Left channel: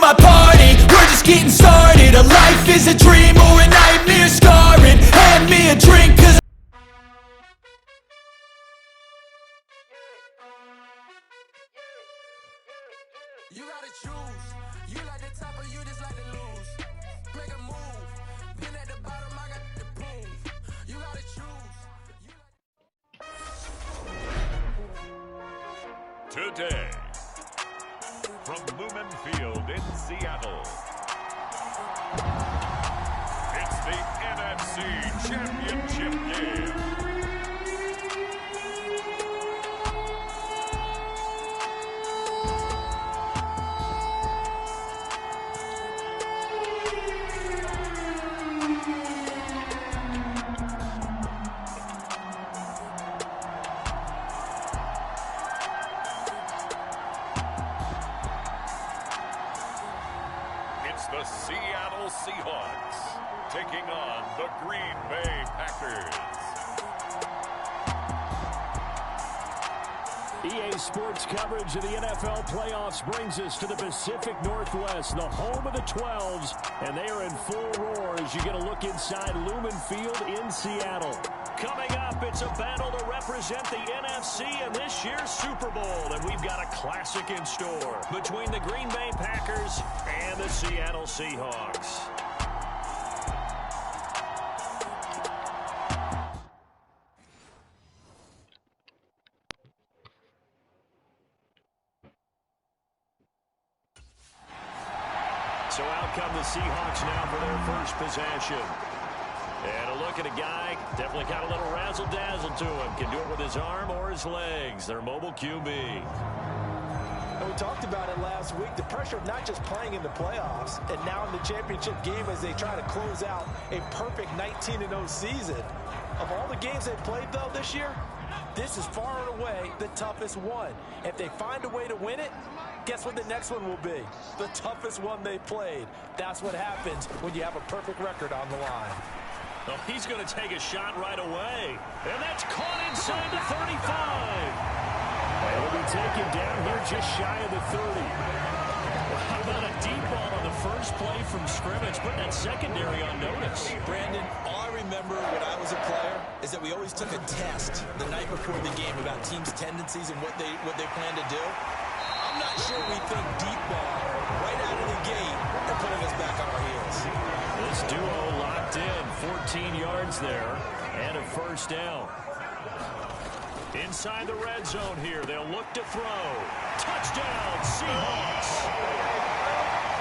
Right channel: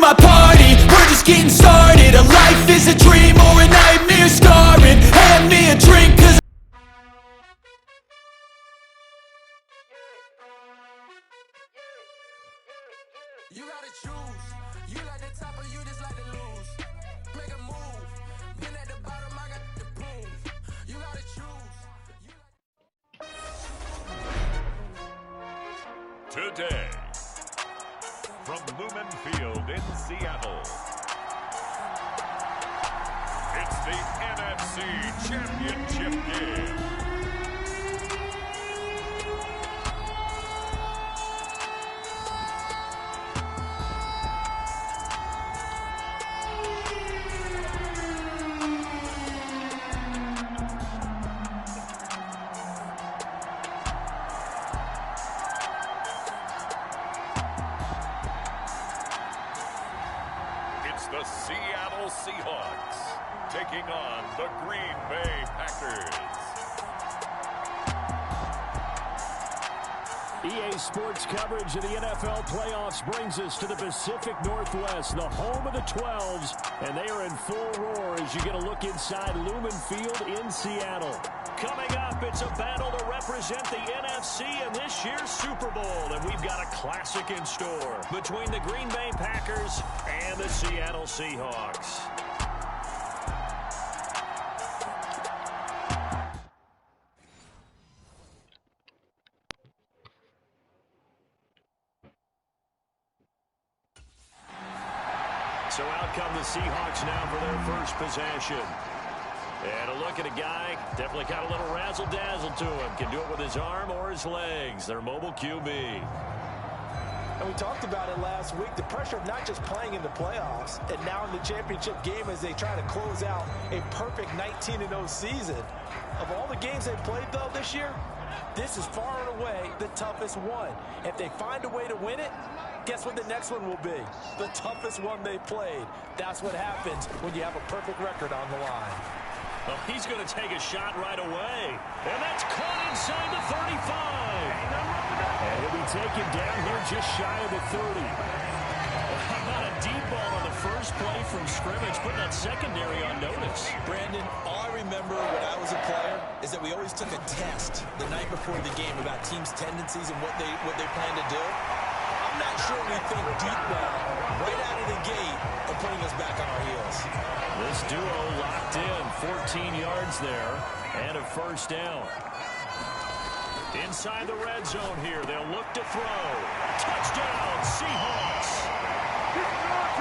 my party, we're just getting started. A life is a dream or a nightmare scarring. Hand me a drink, cause you gotta choose. You like the top or you just like to lose. Make a move. Been at the bottom, I got the proof. You gotta choose. Today, from Lumen Field in Seattle, it's the NFC Championship game. It's the Seattle Seahawks taking on the Green Bay Packers. EA Sports coverage of the NFL playoffs brings us to the Pacific Northwest, the home of the 12s, and they are in full roar as you get a look inside Lumen Field in Seattle. Coming up, it's a battle to represent the NFC in this year's Super Bowl, and we've got a classic in store between the Green Bay Packers and the Seattle Seahawks. So out come the Seahawks now for their first possession. And a look at a guy, definitely got a little razzle-dazzle to him. Can do it with his arm or his legs. Their mobile QB. And we talked about it last week, the pressure of not just playing in the playoffs and now in the championship game as they try to close out a perfect 19-0 season. Of all the games they played, though, this year, this is far and away the toughest one. If they find a way to win it, guess what the next one will be? The toughest one they played. That's what happens when you have a perfect record on the line. Oh, he's going to take a shot right away. And that's caught inside the 35. And he'll be taken down here just shy of the 30. Well, how about a deep ball on the first play from scrimmage, putting that secondary on notice? Brandon, all I remember when I was a player is that we always took a test the night before the game about teams' tendencies and what they plan to do. I'm not sure we think deep ball right out of the gate and putting us back on our heels. This duo locked in, 14 yards there, and a first down. Inside the red zone here, they'll look to throw. Touchdown, Seahawks.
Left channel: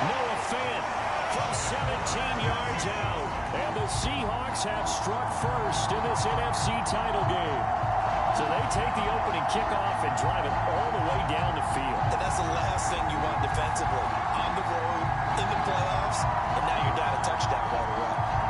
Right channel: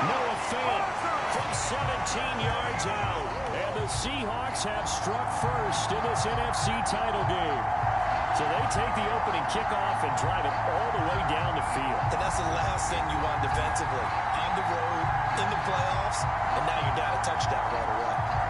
Noah Fant from 17 yards out. And the Seahawks have struck first in this NFC title game. So they take the opening kickoff and drive it all the way down the field. And that's the last thing you want defensively. On the road, in the playoffs, and now you're down a touchdown right away.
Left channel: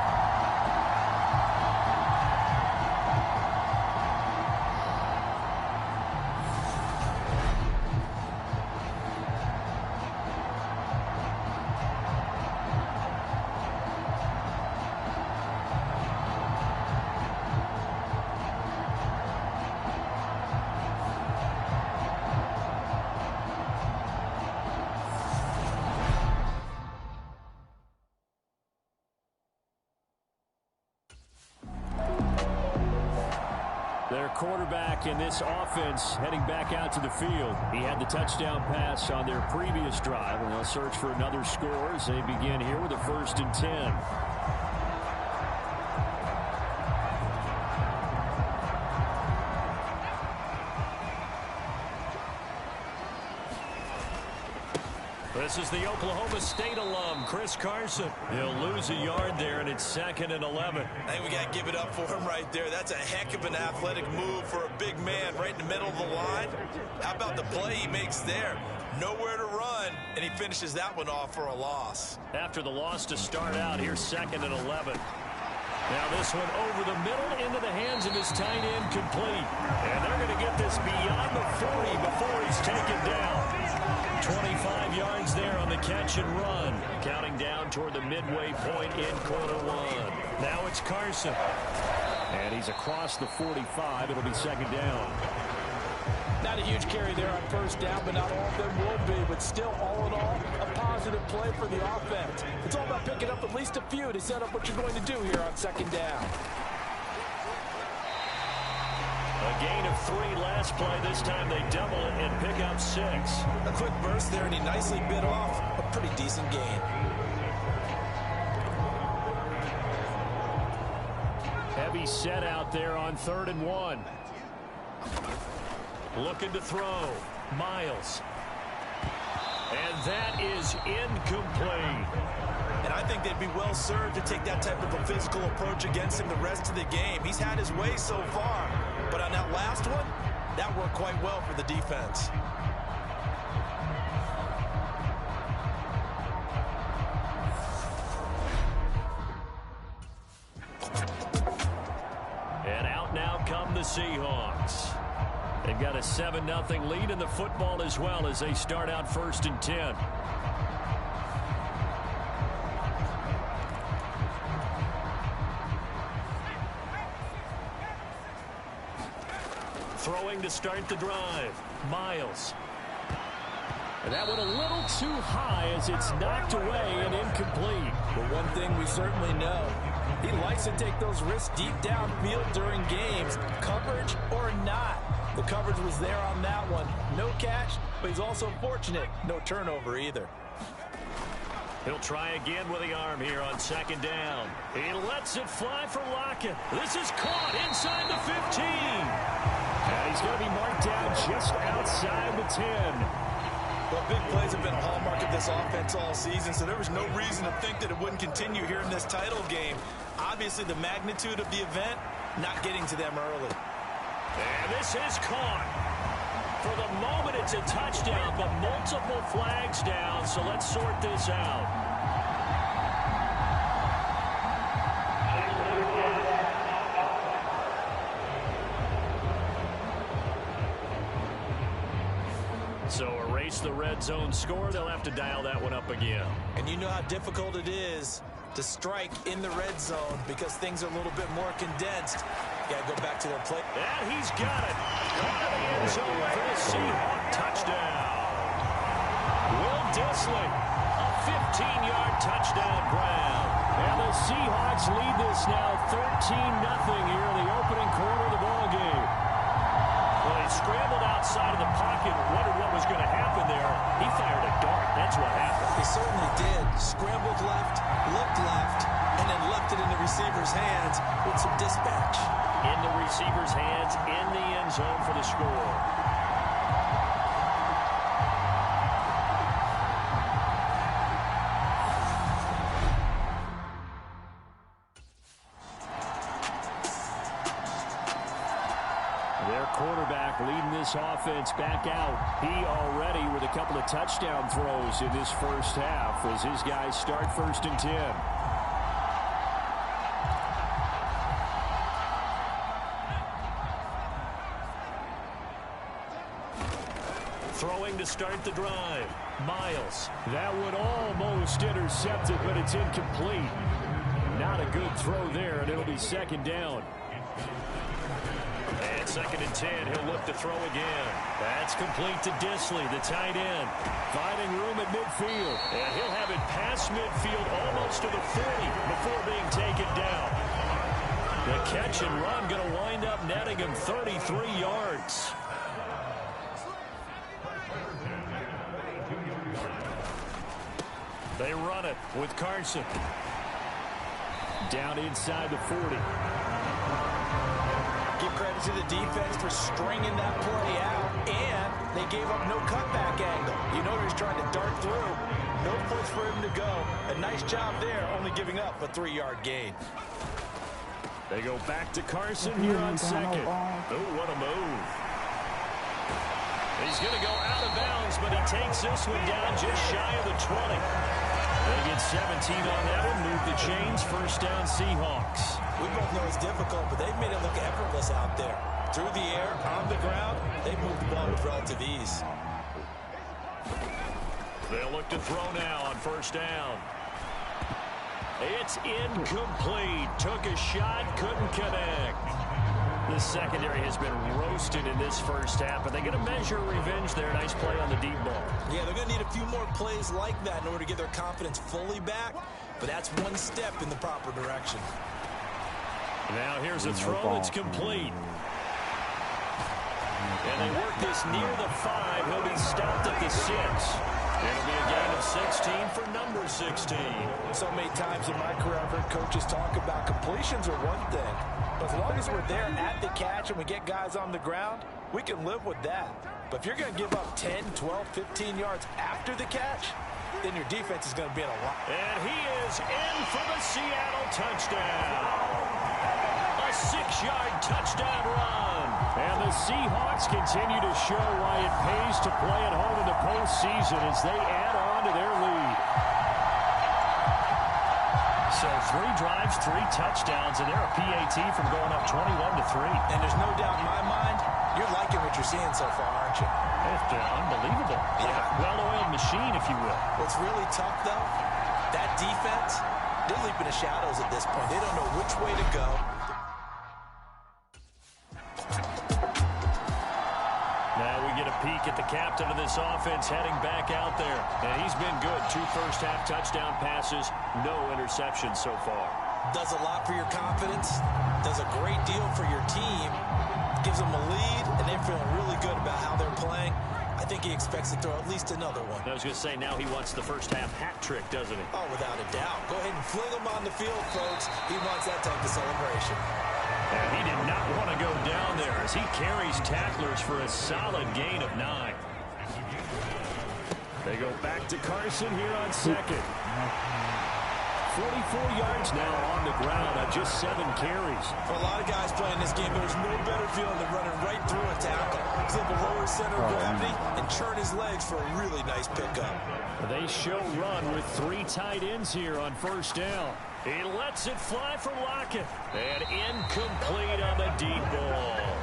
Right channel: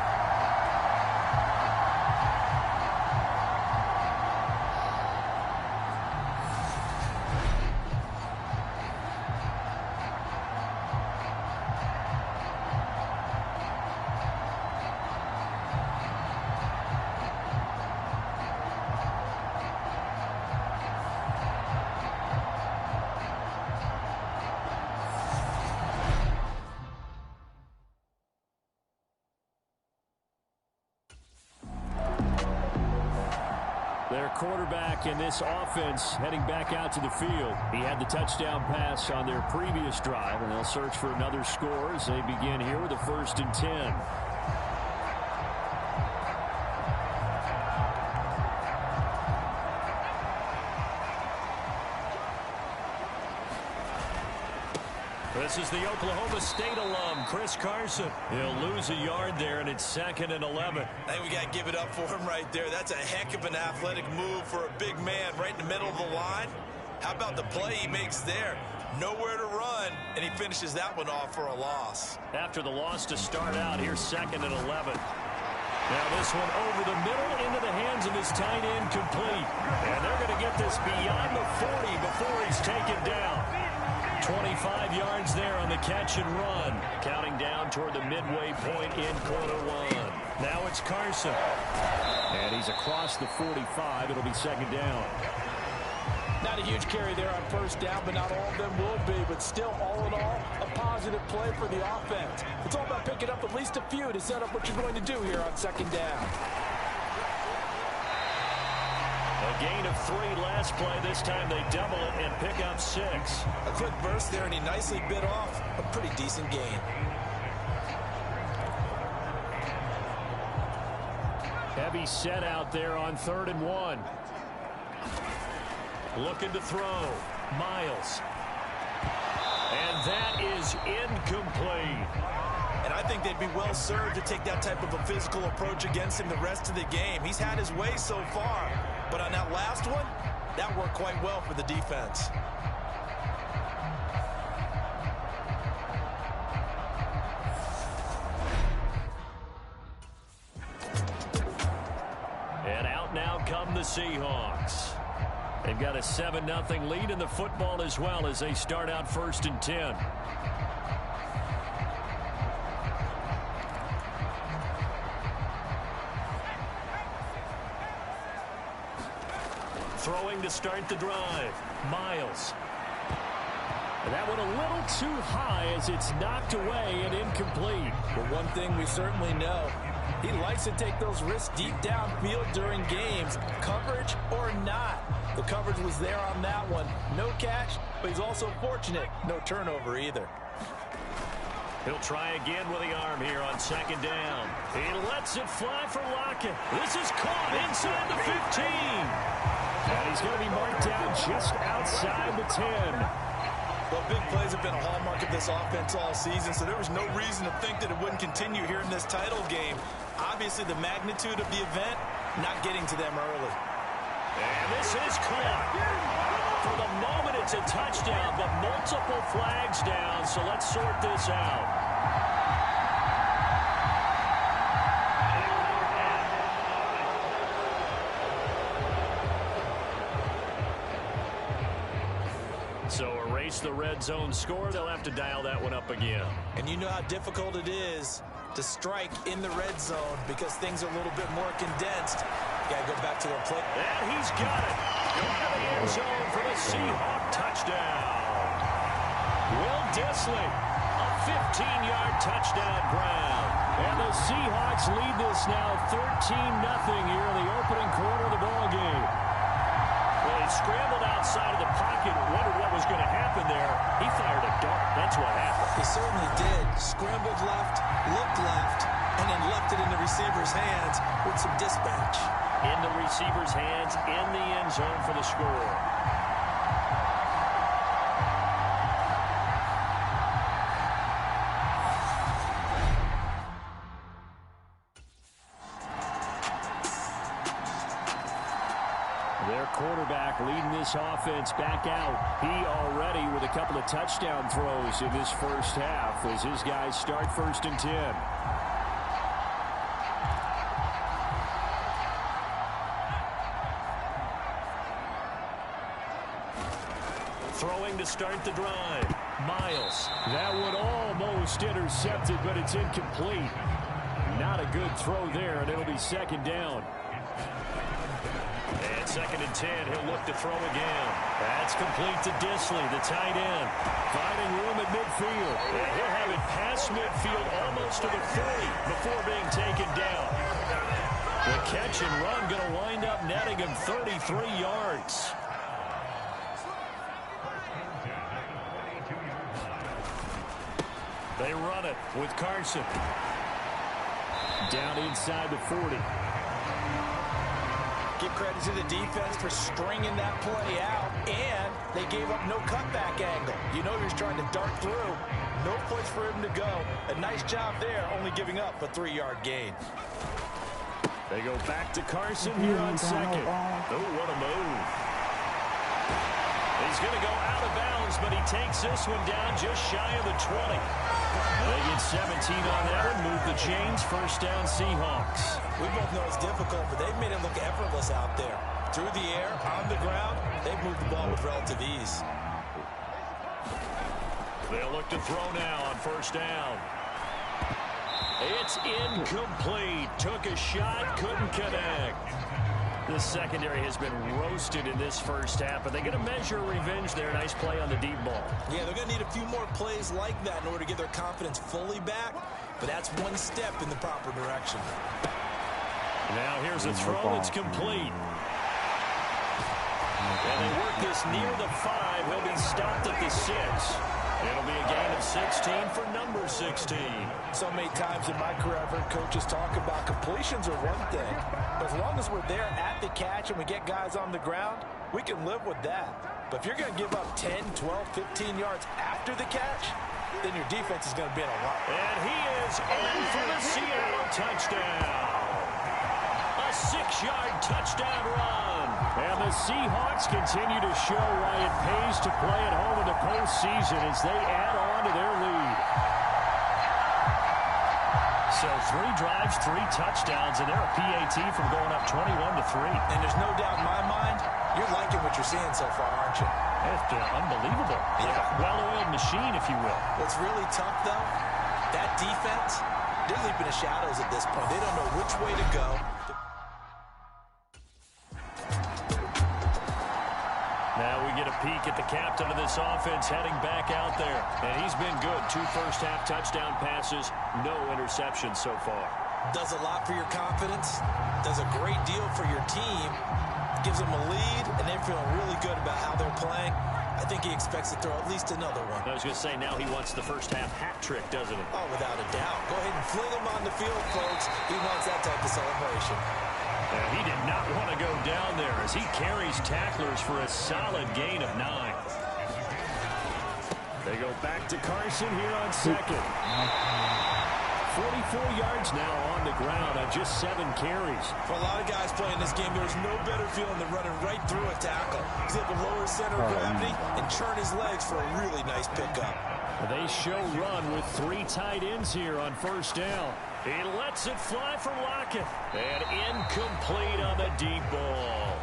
Their quarterback in this offense heading back out to the field. He had the touchdown pass on their previous drive, and they'll search for another score as they begin here with a 1st and 10. This is the Oklahoma State alum, Chris Carson. He'll lose a yard there, and it's 2nd and 11. I think we got to give it up for him right there. That's a heck of an athletic move for a big man right in the middle of the line. How about the play he makes there? Nowhere to run, and he finishes that one off for a loss. After the loss to start out, here's 2nd and 11. Now this one over the middle into the hands of his tight end, complete. And they're going to get this beyond the 40 before he's taken down. 25 yards there on the catch and run. Counting down toward the midway point in quarter one. Now it's Carson. And he's across the 45. It'll be 2nd down. Not a huge carry there on first down, but not all of them will be. But still, all in all, a positive play for the offense. It's all about picking up at least a few to set up what you're going to do here on second down. A gain of 3 last play. This time they double it and pick up 6. A quick burst there, and he nicely bit off a pretty decent gain. Heavy set out there on 3rd and 1. Looking to throw. Miles. And that is incomplete. And I think they'd be well served to take that type of a physical approach against him the rest of the game. He's had his way so far. But on that last one, that worked quite well for the defense. And out now come the Seahawks. They've got a 7-0 lead in the football as well as they start out 1st and 10. Throwing to start the drive. Miles. And that one a little too high as it's knocked away and incomplete. But one thing we certainly know, he likes to take those risks deep downfield during games, coverage or not. The coverage was there on that one. No catch, but he's also fortunate. No turnover either. He'll try again with the arm here on 2nd down. He lets it fly for Lockett. This is caught inside the 15. And he's going to be marked down just outside the 10. Well, big plays have been a hallmark of this offense all season, so there was no reason to think that it wouldn't continue here in this title game. Obviously, the magnitude of the event, not getting to them early. And this is caught. For the moment, it's a touchdown, but multiple flags down, so let's sort this out. So erase the red zone score. They'll have to dial that one up again. And you know how difficult it is to strike in the red zone because things are a little bit more condensed. You got to go back to their play. And he's got it. Going to the end zone for the Seahawk touchdown. Will Dissly, a 15-yard touchdown grab. And the Seahawks lead this now 13-0 here in the opening quarter of the ballgame. Well, he scrambled outside of the pocket, wondered what was going to happen there. He fired a dart. That's what happened. He certainly did. Scrambled left, looked left, and then left it in the receiver's hands with some dispatch. In the receiver's hands, in the end zone for the score. Their quarterback leading this offense back out. He already with a couple of touchdown throws in this first half as his guys start 1st and 10. Throwing to start the drive. Miles. That one almost intercepted, but it's incomplete. Not a good throw there, and it'll be 2nd down. And 2nd and 10, he'll look to throw again. That's complete to Dissly, the tight end. Finding room at midfield. And he'll have it past midfield almost to the 40 before being taken down. The catch and run going to wind up netting him 33 yards. They run it with Carson. Down inside the 40. Give credit to the defense for stringing that play out, and they gave up no cutback angle. You know he was trying to dart through. No place for him to go. A nice job there, only giving up a 3-yard gain. They go back to Carson here on 2nd. Oh, what a move. He's going to go out of bounds, but he takes this one down just shy of the 20. They get 17 on that one, move the chains, 1st down Seahawks. We both know it's difficult, but they've made it look effortless out there. Through the air, on the ground, they've moved the ball with relative ease. They'll look to throw now on 1st down. It's incomplete. Took a shot, couldn't connect. The secondary has been roasted in this first half, but they're going to measure revenge there. Nice play on the deep ball. Yeah, they're going to need a few more plays like that in order to get their confidence fully back, but that's one step in the proper direction. Now here's a throw that's complete. And they work this near the 5. He'll be stopped at the 6. It'll be a gain of 16 for number 16. So many times in my career, I've heard coaches talk about completions are one thing, but as long as we're there at the catch and we get guys on the ground, we can live with that. But if you're going to give up 10, 12, 15 yards after the catch, then your defense is going to be in a lot. And he is in for the Seattle touchdown. A 6-yard touchdown run. And the Seahawks continue to show why it pays to play at home in the postseason as they add on to their lead. So 3 drives, 3 touchdowns, and they're a PAT from going up 21-3. And there's no doubt in my mind, you're liking what you're seeing so far, aren't you? It's unbelievable. Yeah. Like a well-oiled machine, if you will. What's really tough, though, that defense, they're leaping the shadows at this point. They don't know which way to go. Now we get a peek at the captain of this offense heading back out there. And he's been good. 2 first-half touchdown passes, no interceptions so far. Does a lot for your confidence. Does a great deal for your team. Gives them a lead, and they're feeling really good about how they're playing. I think he expects to throw at least another one. I was going to say, now he wants the first-half hat trick, doesn't he? Oh, without a doubt. Go ahead and fling him on the field, folks. He wants that type of celebration. And he did not want to go down there as he carries tacklers for a solid gain of 9. They go back to Carson here on second. 44 yards now on the ground on just 7 carries. For a lot of guys playing this game, there's no better feeling than running right through a tackle. He's able to lower his center of gravity and churn his legs for a really nice pickup. They show run with 3 tight ends here on first down. He lets it fly from Lockett. And incomplete on the deep ball.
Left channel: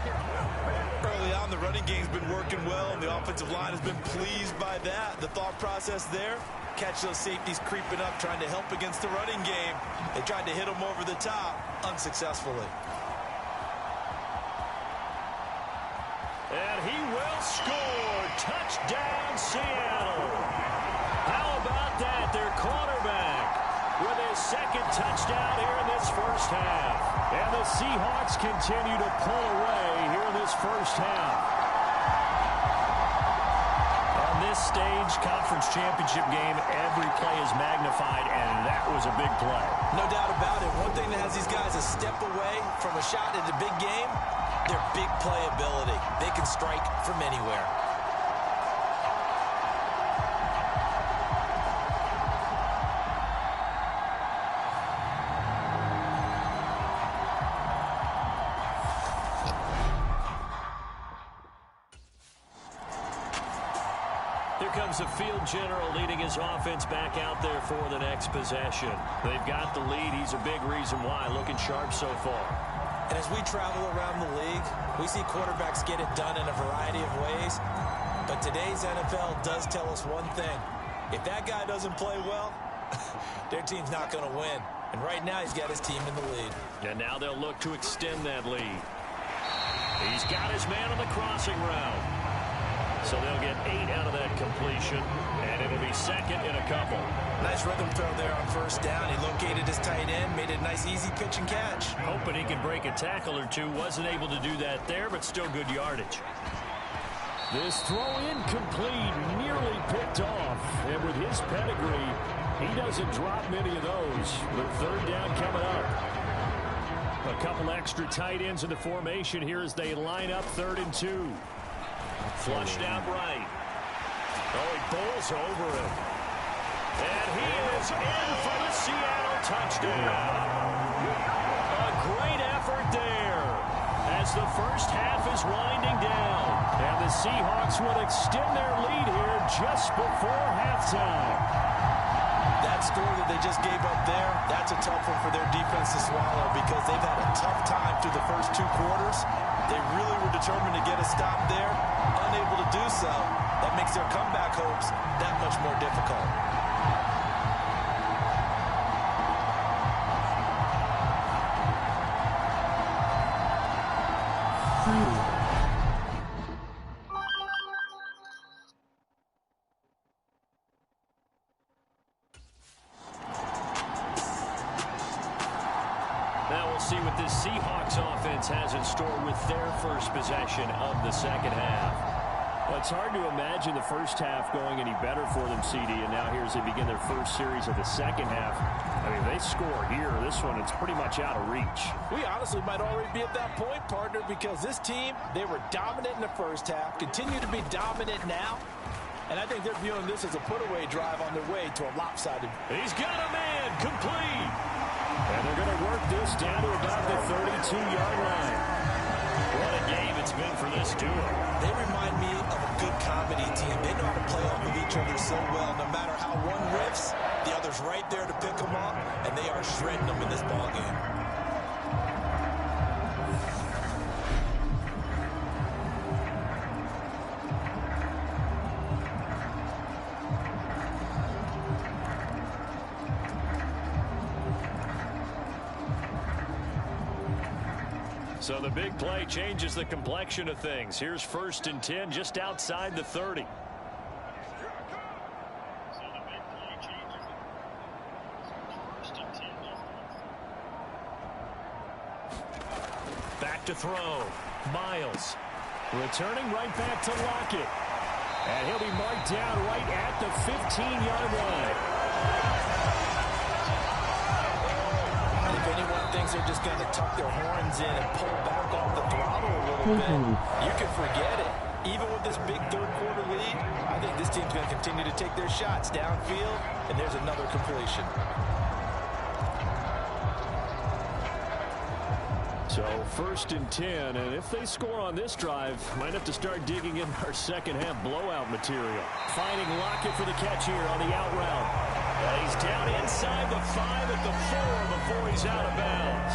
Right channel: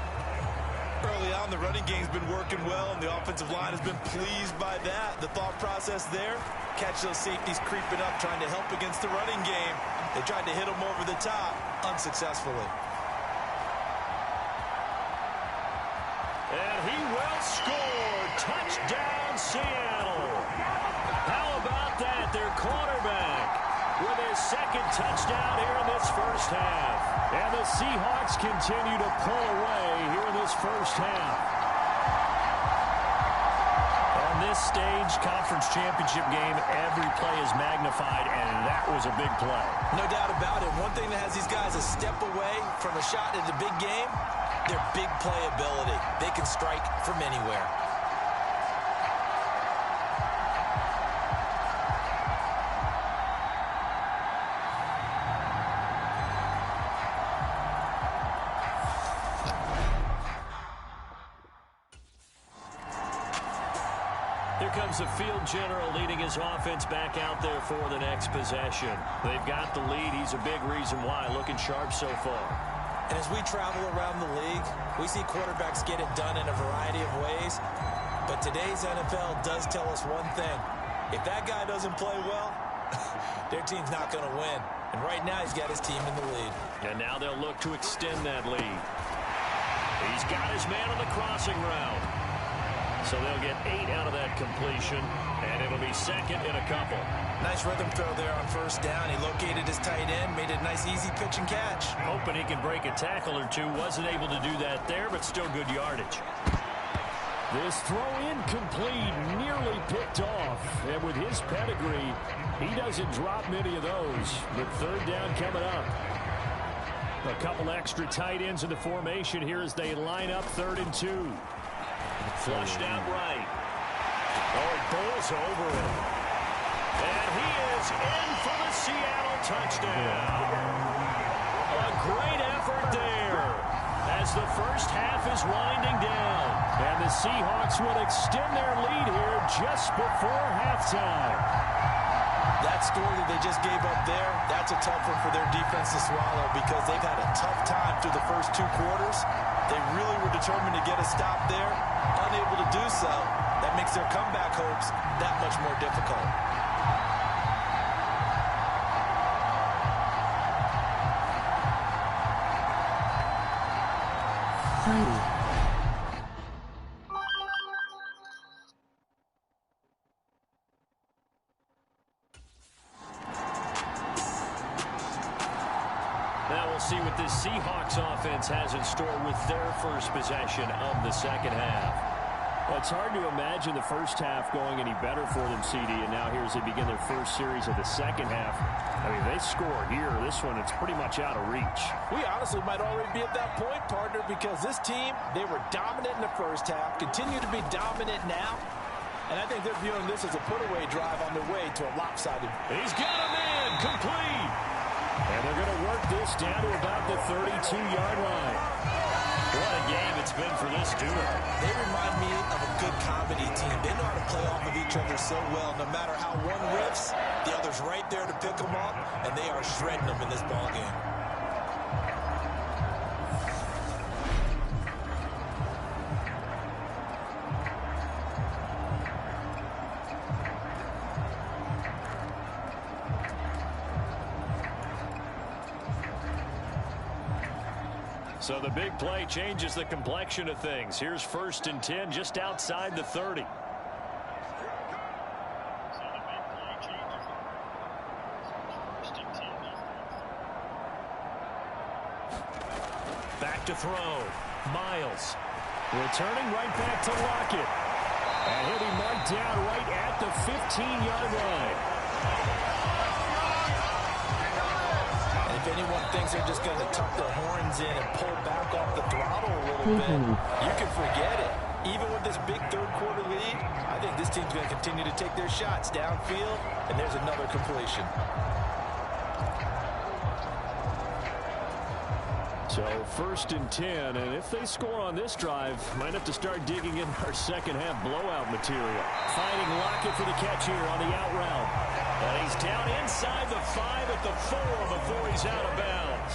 Early on, the running game's been working well, and the offensive line has been pleased by that. The thought process there, catch those safeties creeping up, trying to help against the running game. They tried to hit them over the top, unsuccessfully. And he will score. Touchdown, Seattle. How about that? Their quarterback with his second touchdown here in this first half. And the Seahawks continue to pull away here in this first half. On this stage, conference championship game, every play is magnified, and that was a big play. No doubt about it. One thing that has these guys a step away from a shot at a big game, their big play ability. They can strike from anywhere. Here comes the field general leading his offense back out there for the next possession. They've got the lead. He's a big reason why. Looking sharp so far. And as we travel around the league, we see quarterbacks get it done in a variety of ways. But today's NFL does tell us one thing. If that guy doesn't play well, their team's not going to win. And right now he's got his team in the lead. And now they'll look to extend that lead. He's got his man on the crossing route. So they'll get 8 out of that completion, and it'll be second in a couple. Nice rhythm throw there on first down. He located his tight end, made it a nice easy pitch and catch. Hoping he can break a tackle or two. Wasn't able to do that there, but still good yardage. This throw incomplete, nearly picked off. And with his pedigree, he doesn't drop many of those. But third down coming up. A couple extra tight ends in the formation here as they line up 3rd and 2. Flushed out right. Oh, he bowls over it. And he is in for the Seattle touchdown. A great effort there as the first half is winding down. And the Seahawks will extend their lead here just before halftime. That score that they just gave up there, that's a tough one for their defense to swallow because they've had a tough time through the first 2 quarters. They really were determined to get a stop there, unable to do so. That makes their comeback hopes that much more difficult. Heidi. Now we'll see what this Seahawks offense has in store with their first possession of the second half. Well, it's hard to imagine the first half going any better for them, CD, and now here as they begin their first series of the second half. I mean, they score here. This one, it's pretty much out of reach. We honestly might already be at that point, partner, because this team, they were dominant in the first half, continue to be dominant now, and I think they're viewing this as a put-away drive on their way to a lopsided. He's got a man complete. And they're going to work this down to about the 32-yard line. What a game it's been for this duo. They remind me of a good comedy team. They know how to play off of each other so well. No matter how one riffs, the other's right there to pick them up, and they are shredding them in this ball game. So the big play changes the complexion of things. Here's 1st and 10 just outside the 30. Back to throw. Miles. Returning right back to Lockett. And he'll be marked down right at the 15-yard line. If anyone thinks they're just going to tuck their horns in and pull back off the throttle a little bit, you can forget it. Even with this big third-quarter lead, I think this team's going to continue to take their shots downfield, and there's another completion. So 1st and 10, and if they score on this drive, might have to start digging in our second-half blowout material. Finding Lockett for the catch here on the out route. He's down inside the 5 at the 4 before he's out of bounds.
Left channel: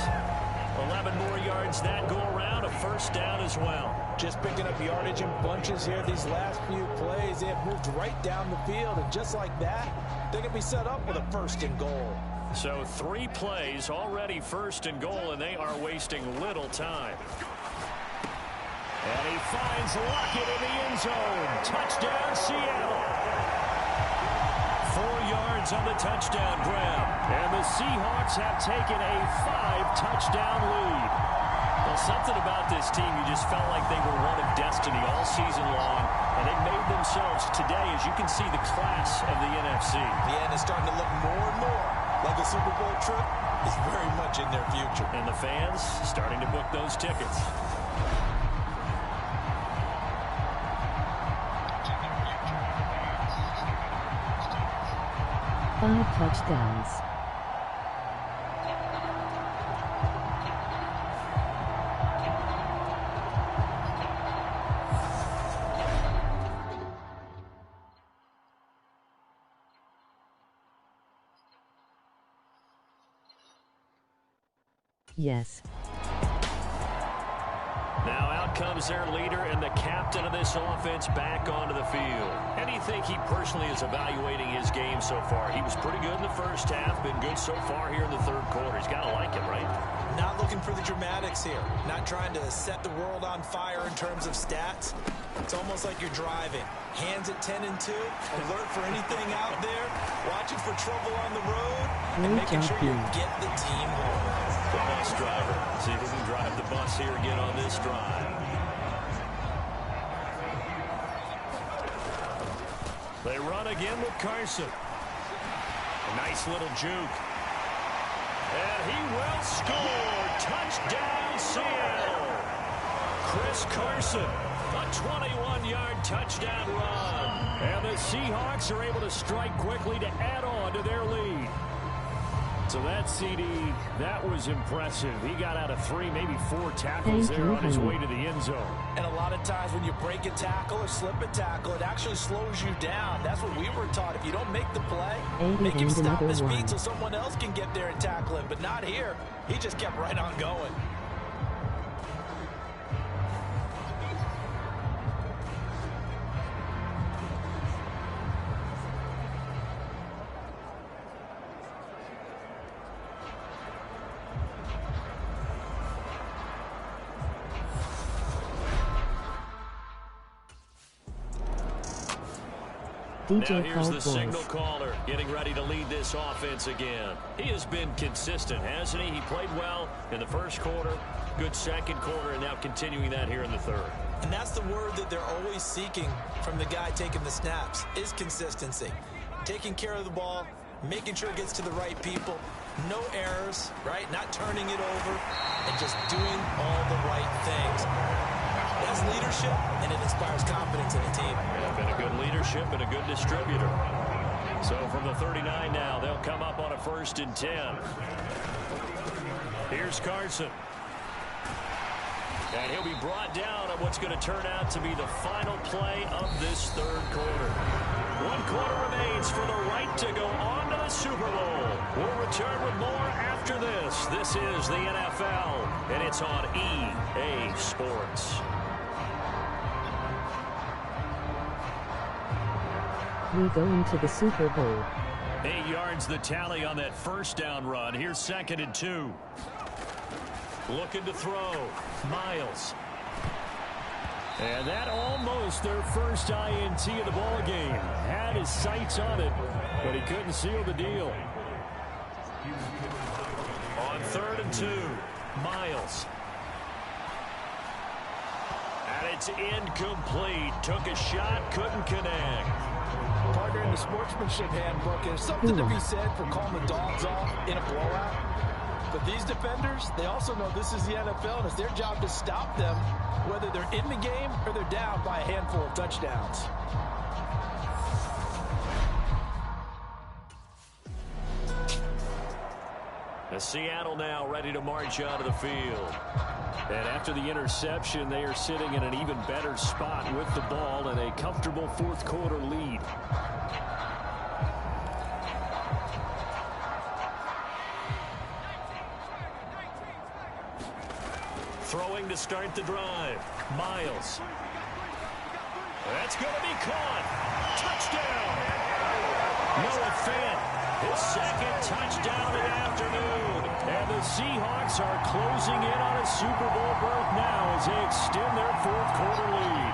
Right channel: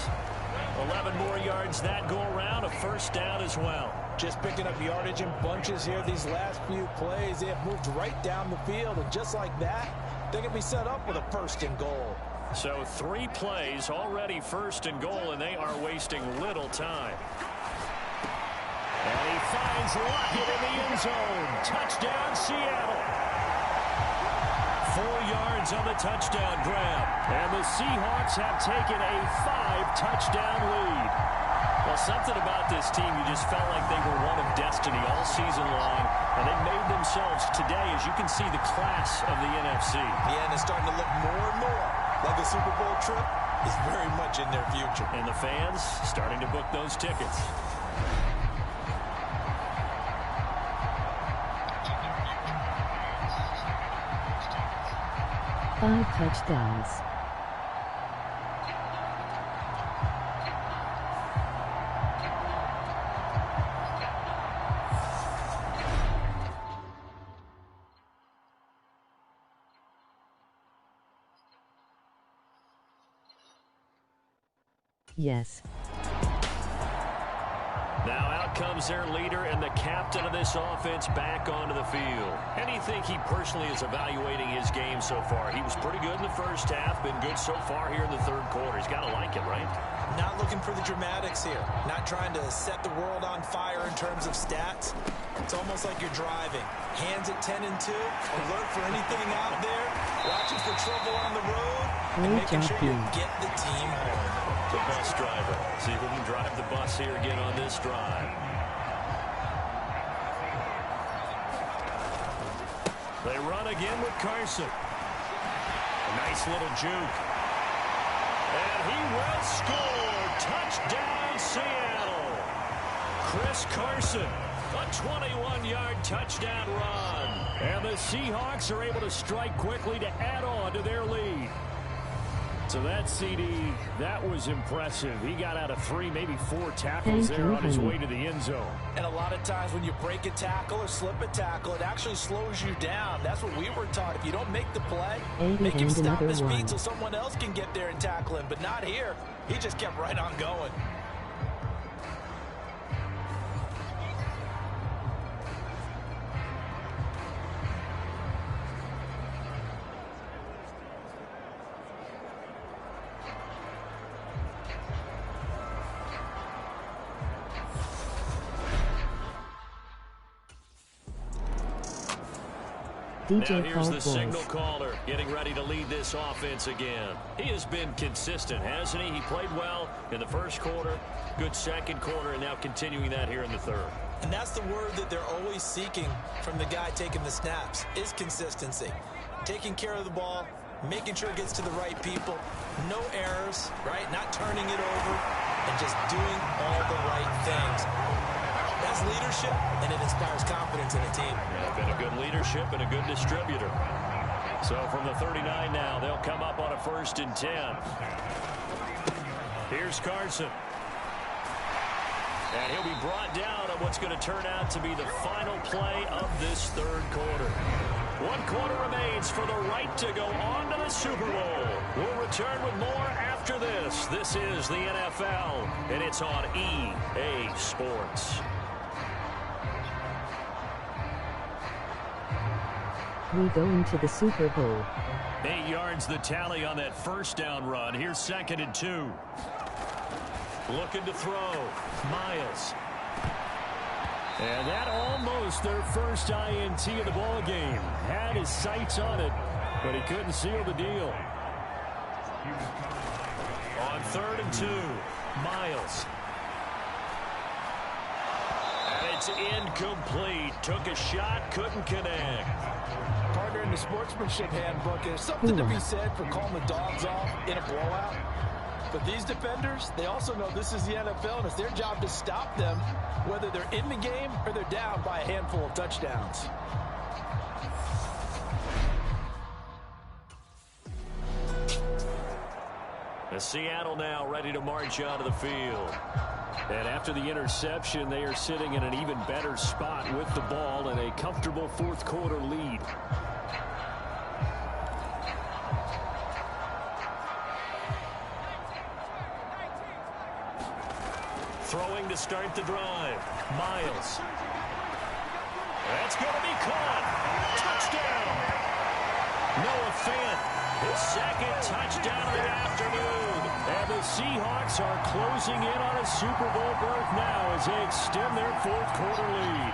11 more yards that go around, a first down as well. Just picking up yardage in bunches here these last few plays. They have moved right down the field, and just like that, they can be set up with a 1st and goal. So 3 plays, already 1st and goal, and they are wasting little time. And he finds Lockett in the end zone. Touchdown, Seattle. 4 yards on the touchdown grab. And the Seahawks have taken a 5-touchdown lead. Well, something about this team, you just felt like they were one of destiny all season long. And they made themselves today, as you can see, the class of the NFC. Yeah, and it's starting to look more and more like a Super Bowl trip is very much in their future. And the fans starting to book those tickets. Five touchdowns. Yes. Now out comes their leader and the captain of this offense back onto the field. And you think he personally is evaluating his game so far? He was pretty good in the first half, been good so far here in the third quarter. He's got to like it, right? Not looking for the dramatics here. Not trying to set the world on fire in terms of stats. It's almost like you're driving. Hands at 10 and 2, alert for anything out there, watching for trouble on the road, and making sure you get the team home. The bus driver. See if we can drive the bus here again on this drive. They run again with Carson. A nice little juke. And he will score. Touchdown, Seattle. Chris Carson. A 21-yard touchdown run. And the Seahawks are able to strike quickly to add on to their lead. So that CD, that was impressive. He got out of 3, maybe 4 tackles there on his way to the end zone. And a lot of times when you break a tackle or slip a tackle, it actually slows you down. That's what we were taught. If you don't make the play, make him stop his feet so someone else can get there and tackle him. But not here. He just kept right on going. DJ now here's Cole the signal voice. caller getting ready to lead this offense again. He has been consistent, hasn't he? He played well in the first quarter, good second quarter, and now continuing that here in the third. And that's the word that they're always seeking from the guy taking the snaps, is consistency. Taking care of the ball, making sure it gets to the right people, no errors, right? Not turning it over, and just doing all the right things. That's leadership, and it inspires confidence in a team. Yeah, been a good leadership and a good distributor. So from the 39 now, they'll come up on a 1st and 10. Here's Carson. And he'll be brought down on what's going to turn out to be the final play of this third quarter. 1 quarter remains for the right to go on to the Super Bowl. We'll return with more after this. This is the NFL, and it's on EA Sports. We go into the Super Bowl. 8 yards the tally on that first down run. Here's 2nd and 2. Looking to throw. Miles. And that almost their first INT of the ball game. Had his sights on it, but he couldn't seal the deal. On 3rd and 2. Miles. And it's incomplete. Took a shot, couldn't connect. Partner, in the sportsmanship handbook, there's something to be said for calling the dogs off in a blowout. But these defenders, they also know this is the NFL, and it's their job to stop them, whether they're in the game or they're down by a handful of touchdowns. As Seattle now ready to march out of the field. And after the interception, they are sitting in an even better spot with the ball and a comfortable 4th quarter lead. Throwing to start the drive. Miles. That's going to be caught. Touchdown. Noah Fant, his 2nd touchdown of the afternoon. And the Seahawks are closing in on a Super Bowl berth now as they extend their 4th quarter lead.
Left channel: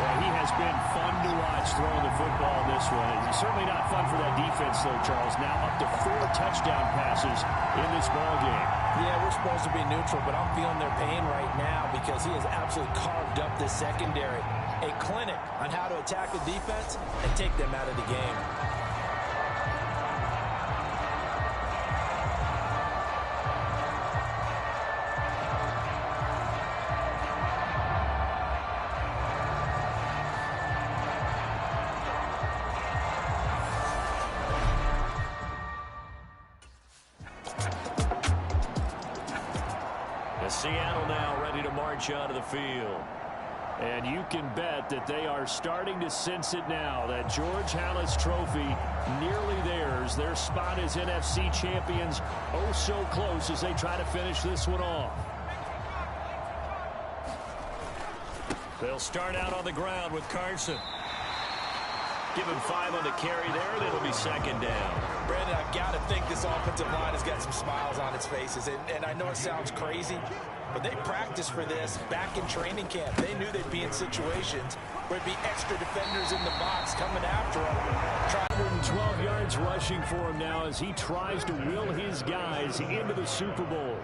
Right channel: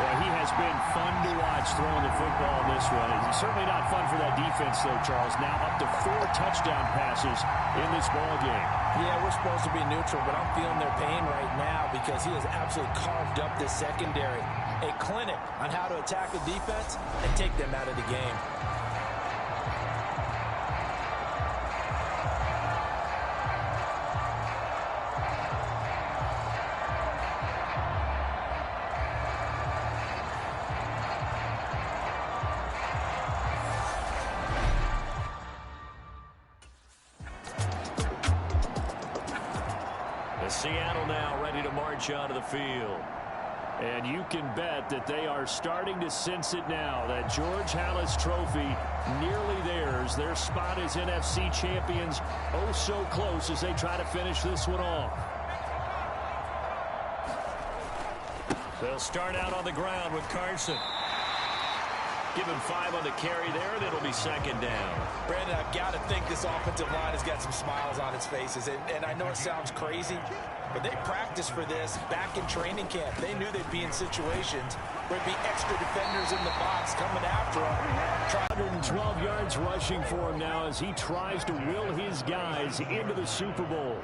Well, he has been fun to watch throwing the football in this one. It's certainly not fun for that defense, though, Charles. Now up to 4 touchdown passes in this ball game. Yeah, we're supposed to be neutral, but I'm feeling their pain right now because he has absolutely carved up this secondary. A clinic on how to attack the defense and take them out of the game. Seattle now ready to march out of the field. And you can bet that they are starting to sense it now. That George Halas trophy nearly theirs. Their spot as NFC champions oh so close as they try to finish this one off. They'll start out on the ground with Carson. Give him 5 on the carry there, and it'll be 2nd down. Brandon, I've got to think this offensive line has got some smiles on its faces. And I know it sounds crazy, but they practiced for this back in training camp. They knew they'd be in situations where it'd be extra defenders in the box coming after them. 112 yards rushing for him now as he tries to will his guys into the Super Bowl.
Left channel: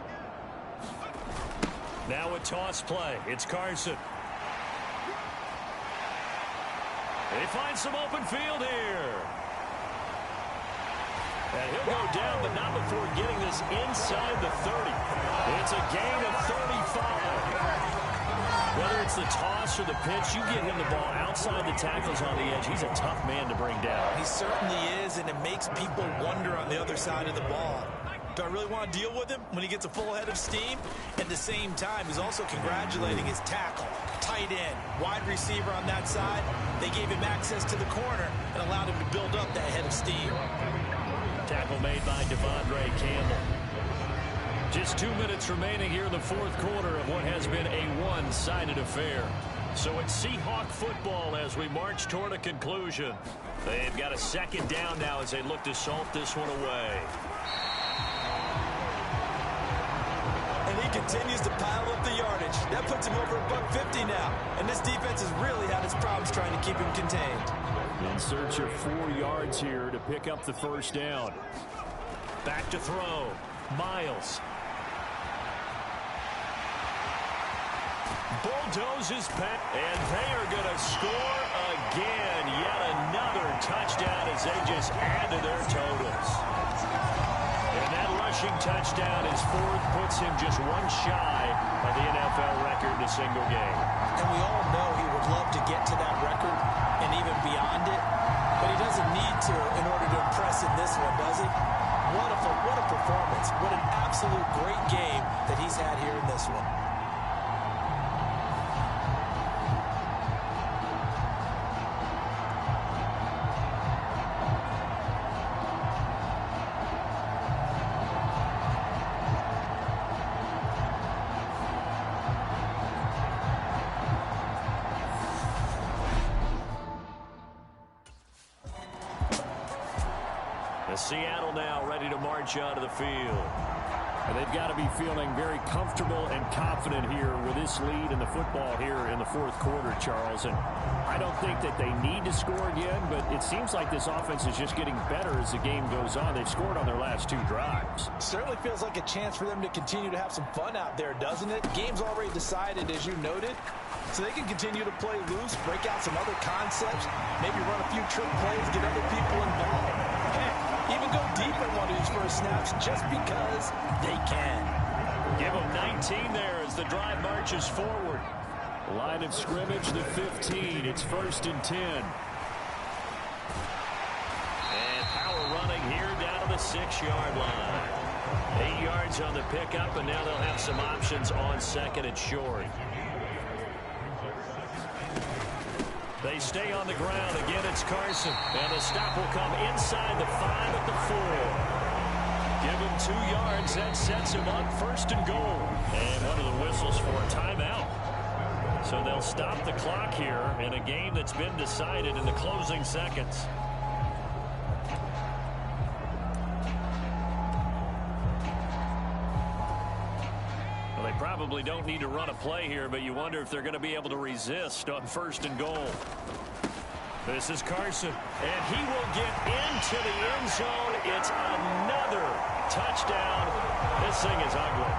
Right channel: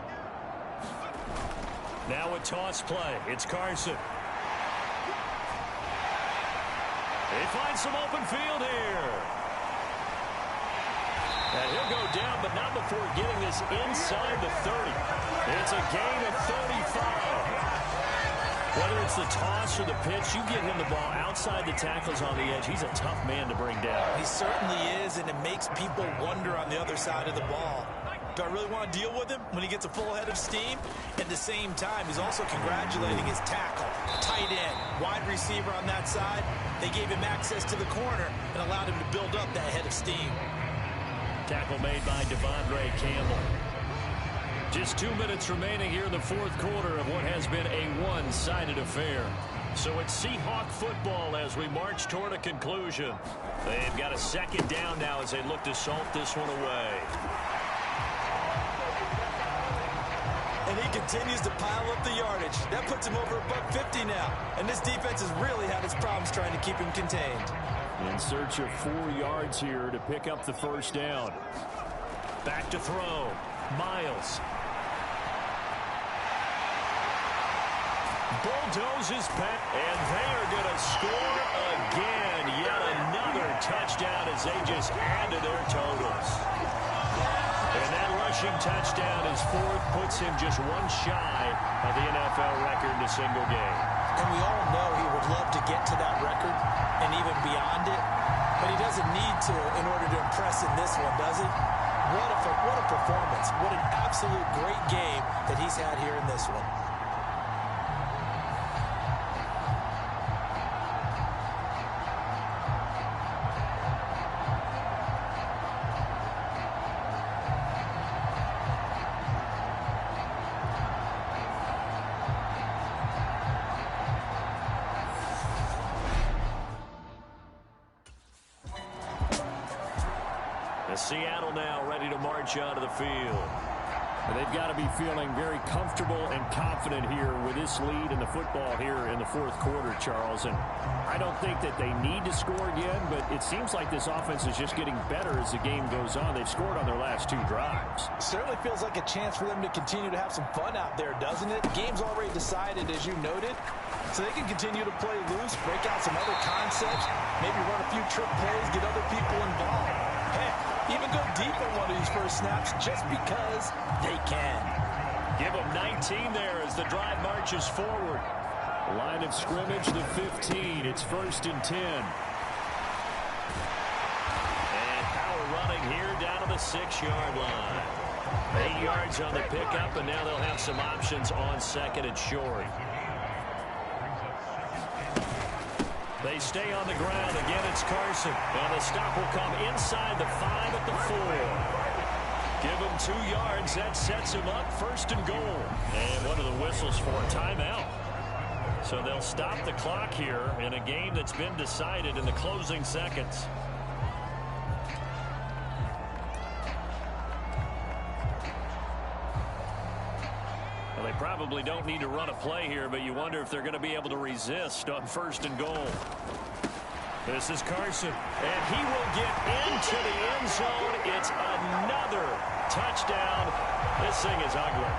Now a toss play. It's Carson. They find some open field here. And he'll go down, but not before getting this inside the 30. It's a gain of 35. Whether it's the toss or the pitch, you get him the ball outside the tackles on the edge. He's a tough man to bring down. He certainly is, and it makes people wonder on the other side of the ball. Do I really want to deal with him when he gets a full head of steam? At the same time, he's also congratulating his tackle, tight end, wide receiver on that side. They gave him access to the corner and allowed him to build up that head of steam. Tackle made by Devondre Campbell. Just 2 minutes remaining here in the 4th quarter of what has been a one-sided affair. So it's Seahawk football as we march toward a conclusion. They've got a 2nd down now as they look to salt this one away. And he continues to pile up the yardage. That puts him over $150 now. And this defense has really had its problems trying to keep him contained. In search of 4 yards here to pick up the first down. Back to throw. Miles. Bulldozes back, and they are going to score again. Yet another touchdown as they just add to their totals. And that rushing touchdown, his 4th, puts him just 1 shy of the NFL record in a single game. And we all know he would love to get to that record and even beyond it, but he doesn't need to in order to impress in this one, does he? What a performance. What an absolute great game that he's had here in this one. Seattle now ready to march onto the field. And they've got to be feeling very comfortable and confident here with this lead in the football here in the 4th quarter, Charles. And I don't think that they need to score again, but it seems like this offense is just getting better as the game goes on. They've scored on their last 2 drives. Certainly feels like a chance for them to continue to have some fun out there, doesn't it? The game's already decided, as you noted, so they can continue to play loose, break out some other concepts, maybe run a few trick plays, get other people involved. Heck, even go deep on one of these first snaps just because they can. Give them 19 there as the drive marches forward. Line of scrimmage, the 15. It's 1st and 10. And power running here down to the 6-yard line. 8 yards on the pickup, and now they'll have some options on 2nd and short. They stay on the ground. Again, it's Carson. And the stop will come inside the 5 at the 4. Give him 2 yards. That sets him up 1st and goal. And one of the whistles for a timeout. So they'll stop the clock here in a game that's been decided in the closing seconds. Well, they probably don't need to run a play here, but you wonder if they're going to be able to resist on 1st and goal. This is Carson, and he will get into the end zone. It's another touchdown. This thing is ugly.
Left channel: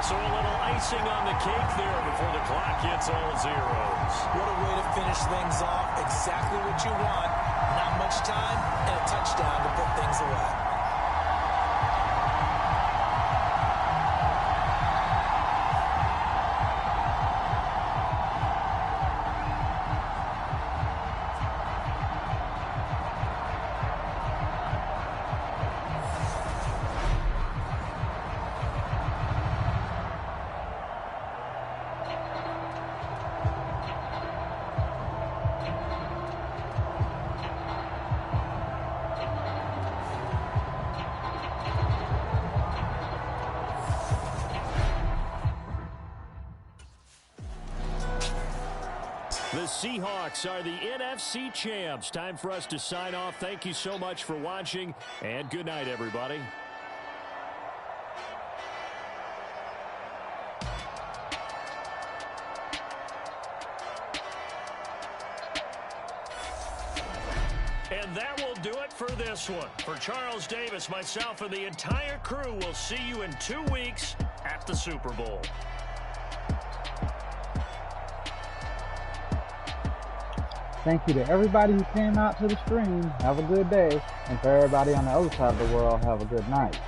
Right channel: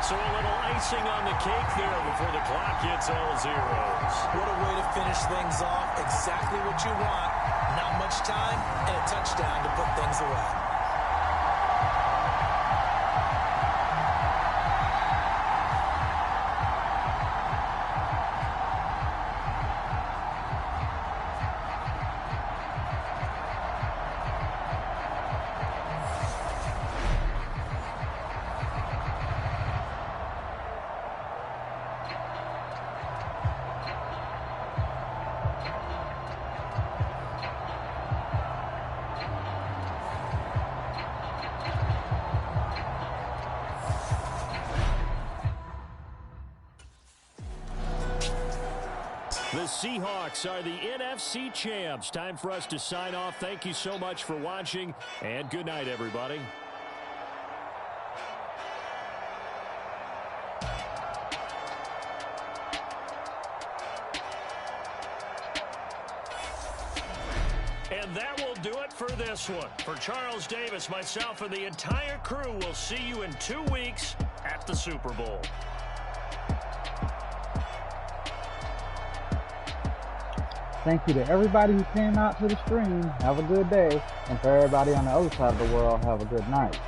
So a little icing on the cake there before the clock hits all zeros. What a way to finish things off. Exactly what you want. Not much time and a touchdown to put things away. The Seahawks are the NFC champs. Time for us to sign off. Thank you so much for watching, and good night, everybody. And that will do it for this one. For Charles Davis, myself, and the entire crew, we'll see you in 2 weeks at the Super Bowl. Thank you to everybody who came out to the stream. Have a good day. And for everybody on the other side of the world, have a good night.